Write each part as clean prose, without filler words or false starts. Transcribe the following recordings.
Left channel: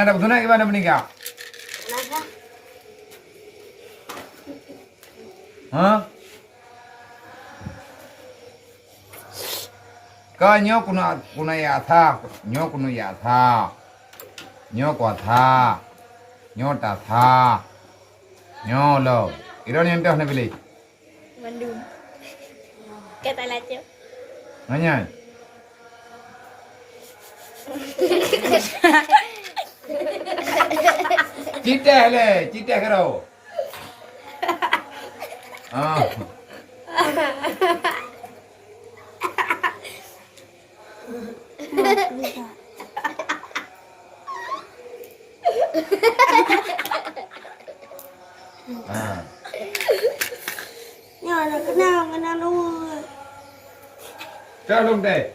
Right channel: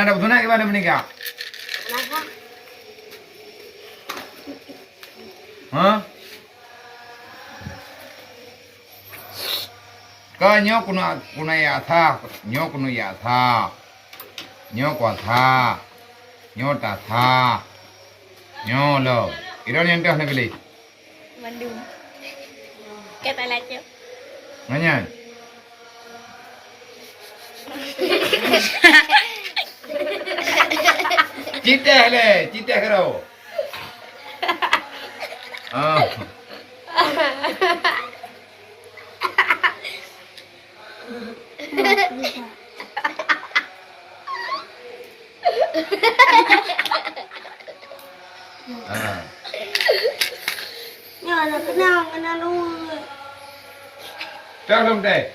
Anak dah bertunang gimana menikah? Hah? Kau nyok kuna ya tha, nyok kuna ya tha, nyok kuat tha, nyok tak tha, nyok lo. Iron yang dah nak beli? Mandum. Kata lacu. Nanya. Cita kero. Oh. Nhỏ là cái nào luôn. Cho luôn đây.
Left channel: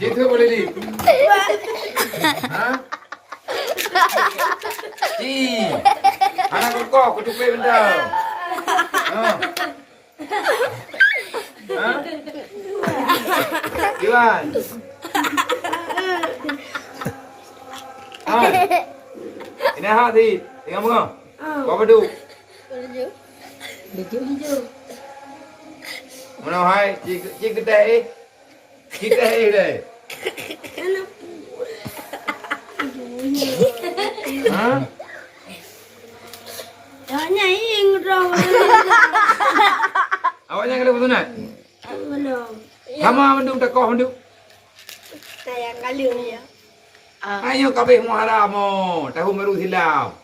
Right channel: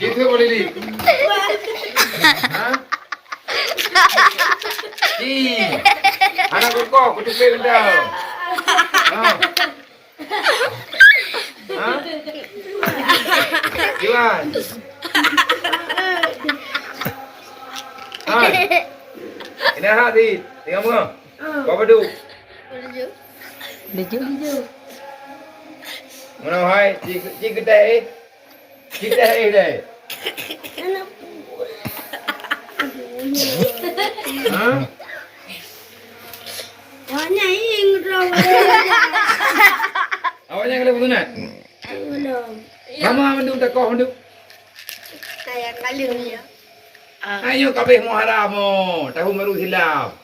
Chị thưa boleh đi. Hả? Chị. Anak aku tu pay benda. Hah? Iwan. Hai. Ini hati. Tengok muka. Bapa duduk. Duduk. Mana hai? Ci kedai. Kedai đây. Hả? Awaknya ingro. Awaknya kena bertunang? Belum. Kamu mendung tak kau mendung? Kayak kalian ya. Ayo kabeh muharam mo, tahu meru hilaf.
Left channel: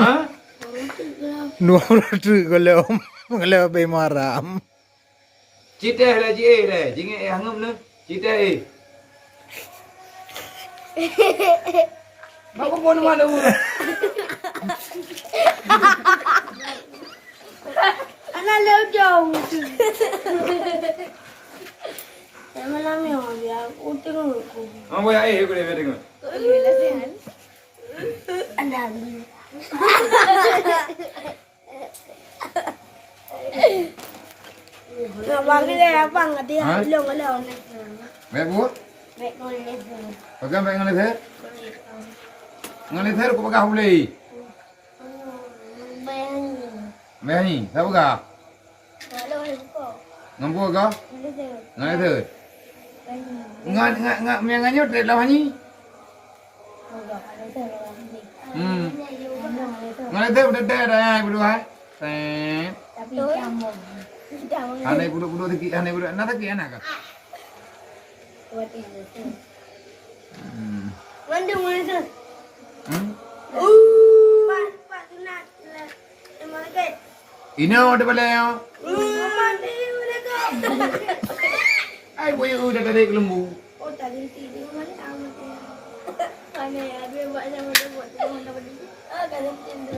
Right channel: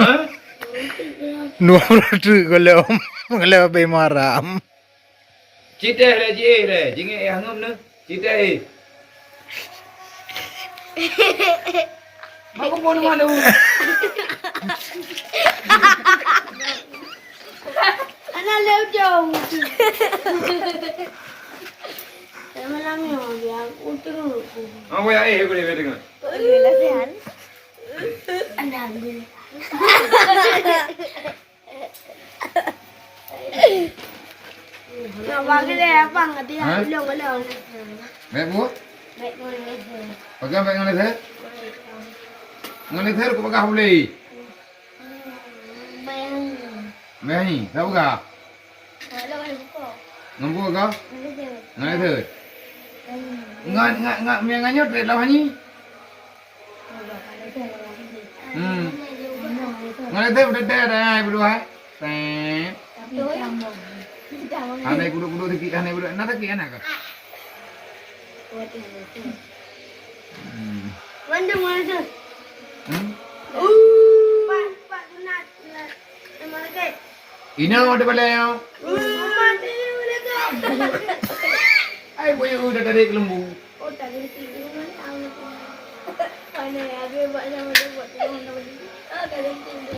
Hah? Nuo tu kalau bemaram. Cita le je le, jinge hangam ne. Cita Bapak pun mana u? Anak lejong. Malam ni dia utur. Apa ya kau ni betul? Alhamdulillah sihat. Alhamdulillah. Nak bagi dia apa ngat dia belum kalau nak. Baik bu? Baik boleh. Pegang baik ngalih saya. Ngalih saya aku pegang boleh. Baik ni, tahu tak? Kalau buka. Ngampu kau? Boleh. Ngalih saya. Ngat miangnya tak lawan ni. Ngalih saya udah dah berdua. Tep. Tapi kamu. Anai kudu dikit, anai kudu nak dikit anak kah? Mana mana? Pak sunat. Emang lagi. Ini ada balai. Mana lagi? Ai boy udah dari lembu. Oh tadi tidur mana? Mana ya? Biar buat sama dia buat. Oh tadi tidur.